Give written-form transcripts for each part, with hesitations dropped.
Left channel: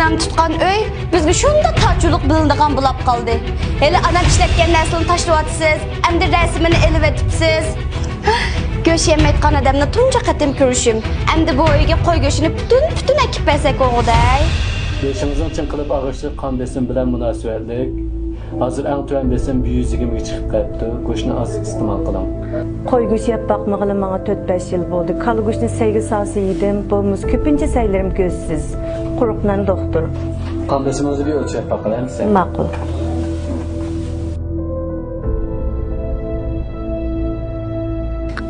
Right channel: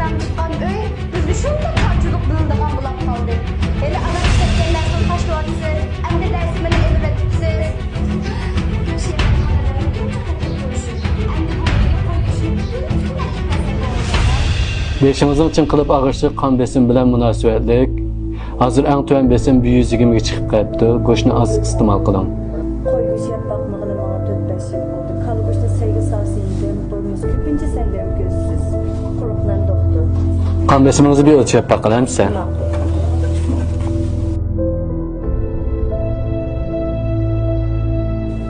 anam tutqan öy bizga shunda tajuluk bilindigan bo'lib qoldi. Hele anam ishlatgan narsani tashlayotsiz, endi rasmini elib etibsiz. Go'sht yemayotgan odamni tunja qatim ko'rishim. Endi bu uyga qo'y go'shtini butun ekib bersak o'g'day. Beşinizin için kılıp ağırçlık kan besin bilen münasebetlik. Hazır en tüven besin 120'ye çıkıp kayıptı. Koşunu az istimal kılan. Qo'y go'sht yeb boqmag'ili menga 4-5 yil bo'ldi. Kala go'shtni sevgi so'si yedim. Bo'lmasa ko'pincha saylarim ko'zsiz. Quruqdan doktor. Kan besiminizi bir ölçüp bakın hem sen. Ma'qul.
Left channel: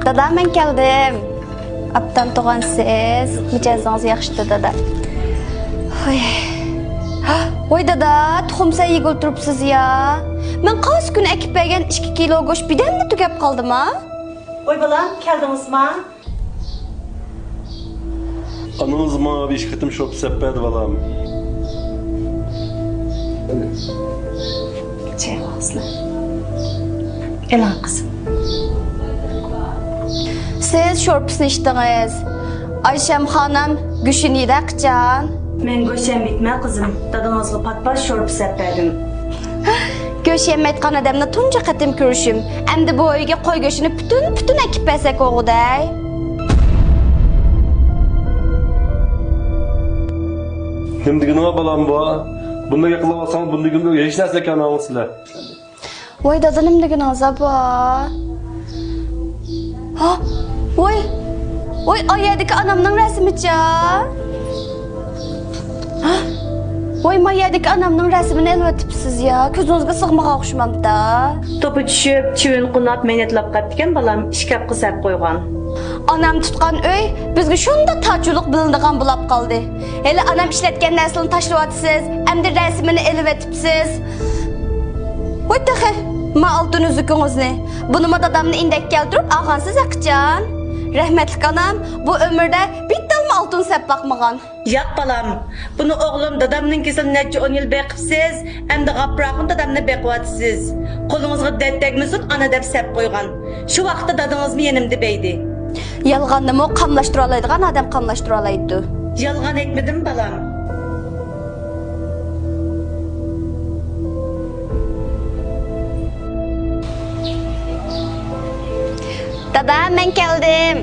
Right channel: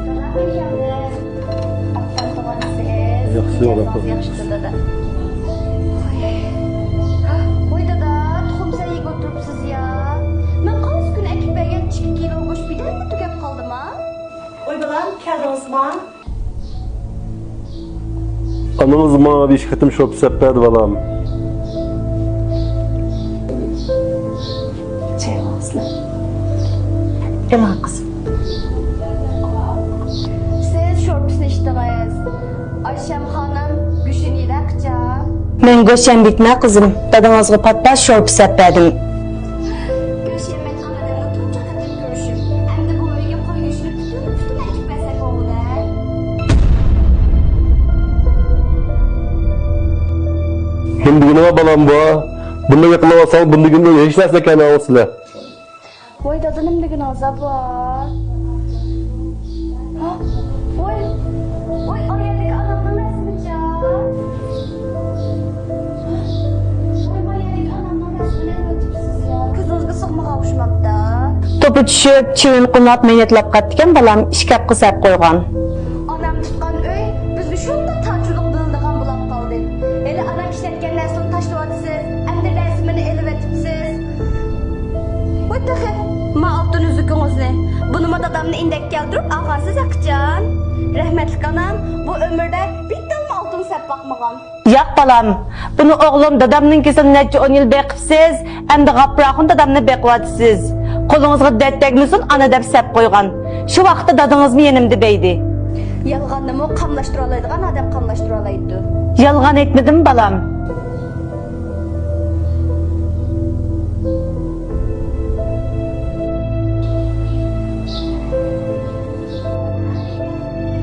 Dada men keldim. Aptan tug'an siz. Mijozingizga yaxshi dada. Oy dada, tuxumsa yegib o'tiribsiz ya. Men qaysi kun ekib bergan 2 kilo go'sht birdanmi tugab qoldimi? Oy balam, keldingizmi? Anamız bana bir iş kıtım şop sepperdi balam. Çay ağzına. Ela kızım. Siz şorpusunu içdiniz. Ayşem hanım go'shtini yedaqcan. Men go'sht bitmay qizim. Dadangizga patpas shorp sepperdim. Go'sht yemayotgan odamni tunja qatim ko'rishim. Endi bu uyga qo'y go'shtini butun ekib bersak o'g'day. Şimdi günüme balam bu. Bunda yakınlamasan bunda günde hiç derse kendi ağısıyla. Voy dada nimdagin azab bor. Ha, voy oyadagi anamning rasmicha. Ha, voy mayadagi anamning rasmini elvatibsiz ya. Ko'zingizga sig'magan o'xshamabdi. To'pi tushib, chivin qulab menetlab qatgan balam ishkab qisab qo'ygan. Anam tutqan uy bizga shunda tajuluk bilindigan bo'lib qoldi. Hele anam ishlatgan narsani tashlayotsiz, endi rasmini elib etibsiz. Voy taxe, ma oltin uzukungizni. Buni dadamni indak keltirib olgansiz aqjan. Rahmatlik anam bu ömürde bittalmi oltin sep bakmagan. Yo'q balam, buni o'g'lim dadamninkisini necha 10 yil beqibsiz, endi g'aproqni dadamni beqyapsiz. Qo'lingizga dard tegmasin, ana deb sep qo'ygan. Shu vaqtda dadangizmi yenimdi beydi. Yalğanımı qamlaştıra oladigan adam qamlaştıra olaydi. Yolg'on aytmadim balam. Dada men keldim.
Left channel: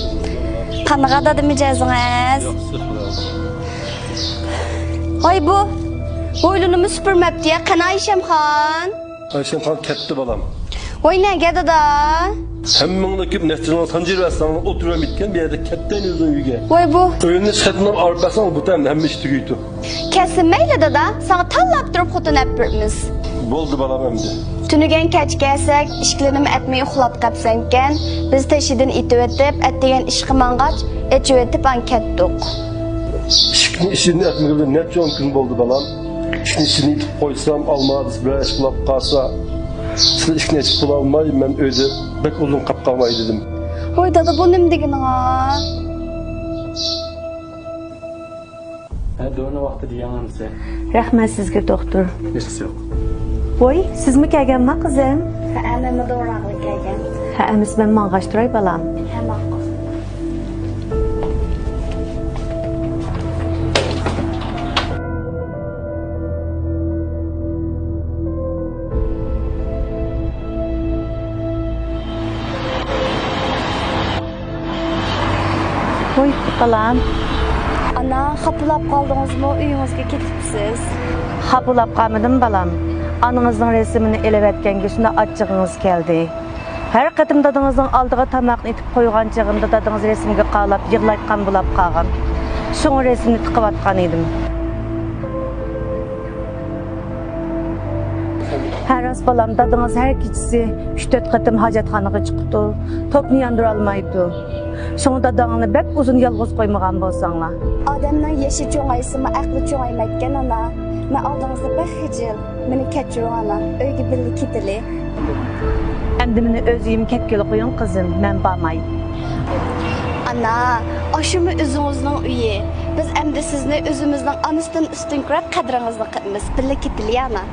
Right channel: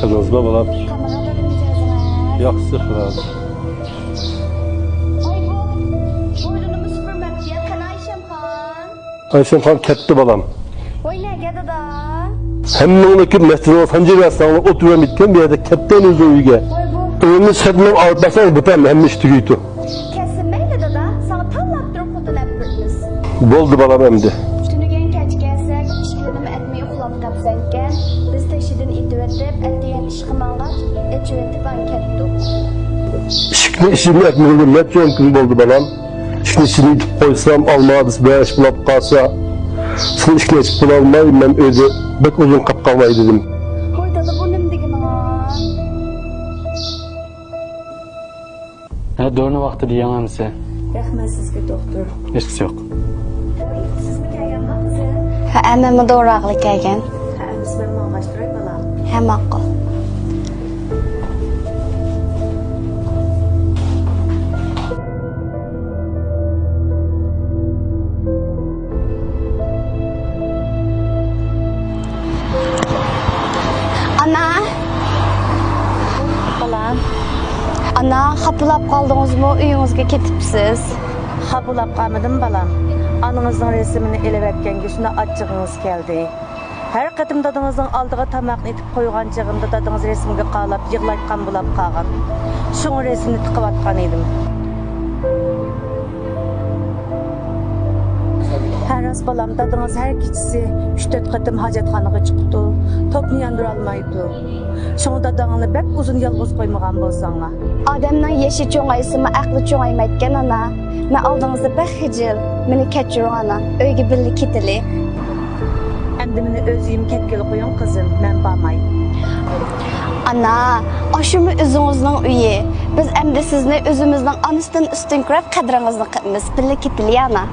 Kızınız da bana. Qanaqa dedi mijozingiz? Yaxşı falan. Ay bu boylunumu süpürmepti ya. Qana Ayşemxon. Ayşem kan ketti balam. Oy nega dada? Hemmindeki mesleğe sancı mesleğine oturuyorum bitken bir yerde ketten önce uyge. Oy bu Önüne çıkartmam ağırtmasan bu tam hem iş tüyütü. kesinmeyle dada. Sana tallap durup xudun epirmiz. Boldu balam hem de. Tünügen keç gelsek, işkilenim etmeyi uxlap kapsanken, biz teşhidin itib etip, ettigen işqimangaç, etib etip ankettik. İşini etmedim ne çok gün boldu balam. İşini koysam almadı beş bulap kalsa. Sen işine çıktın almayayım ben öyle bek uzun kapkalmayı dedim. Oy dada bu nimdigin ha? Ha doğru vakti diyen misin? Rahmat sizga doktor. Hiç yok. Voy, sizmi kelganmi qizim? Ha, ammamni doğraqlik kelgan. Ha, emis men mang'ashtiray balam. Ha, ma'qul. Ana, Voy, balam. ana, xapılab qoldingizmi? Uyingizga ketibsiz. Xapılab qolmadim balam. Anangizning resmini elib etgan go'shni achchig'ingiz keldi. Har qatim dadangizning oldiga tomoqni itib qo'ygan chig'imda dadangiz resmga qalab yig'layotgan bo'lib qolgan. Shunga resmni tiqayotgan edim. Haras balam dadangiz har kechasi 3-4 qatim hojatxonaga chiqibdi. To'pni yondira olmaydi. Shunga dadangni bek uzun yolg'iz qo'ymagan bo'lsanglar. Odamning yashi cho'ng'aysimi, aqli cho'ng'aymayotgan ana. Men oldingizda bir xijil. Meni kechiring ana. Uyga birga ketili. Endi meni o'zim ketgili qo'ying qizim, men bormay. Ana, oshumi o'zingizning uyi. Biz endi sizni o'zimizning onasidan ustun ko'rib qadrimizni qilamiz. Birga ketili ana.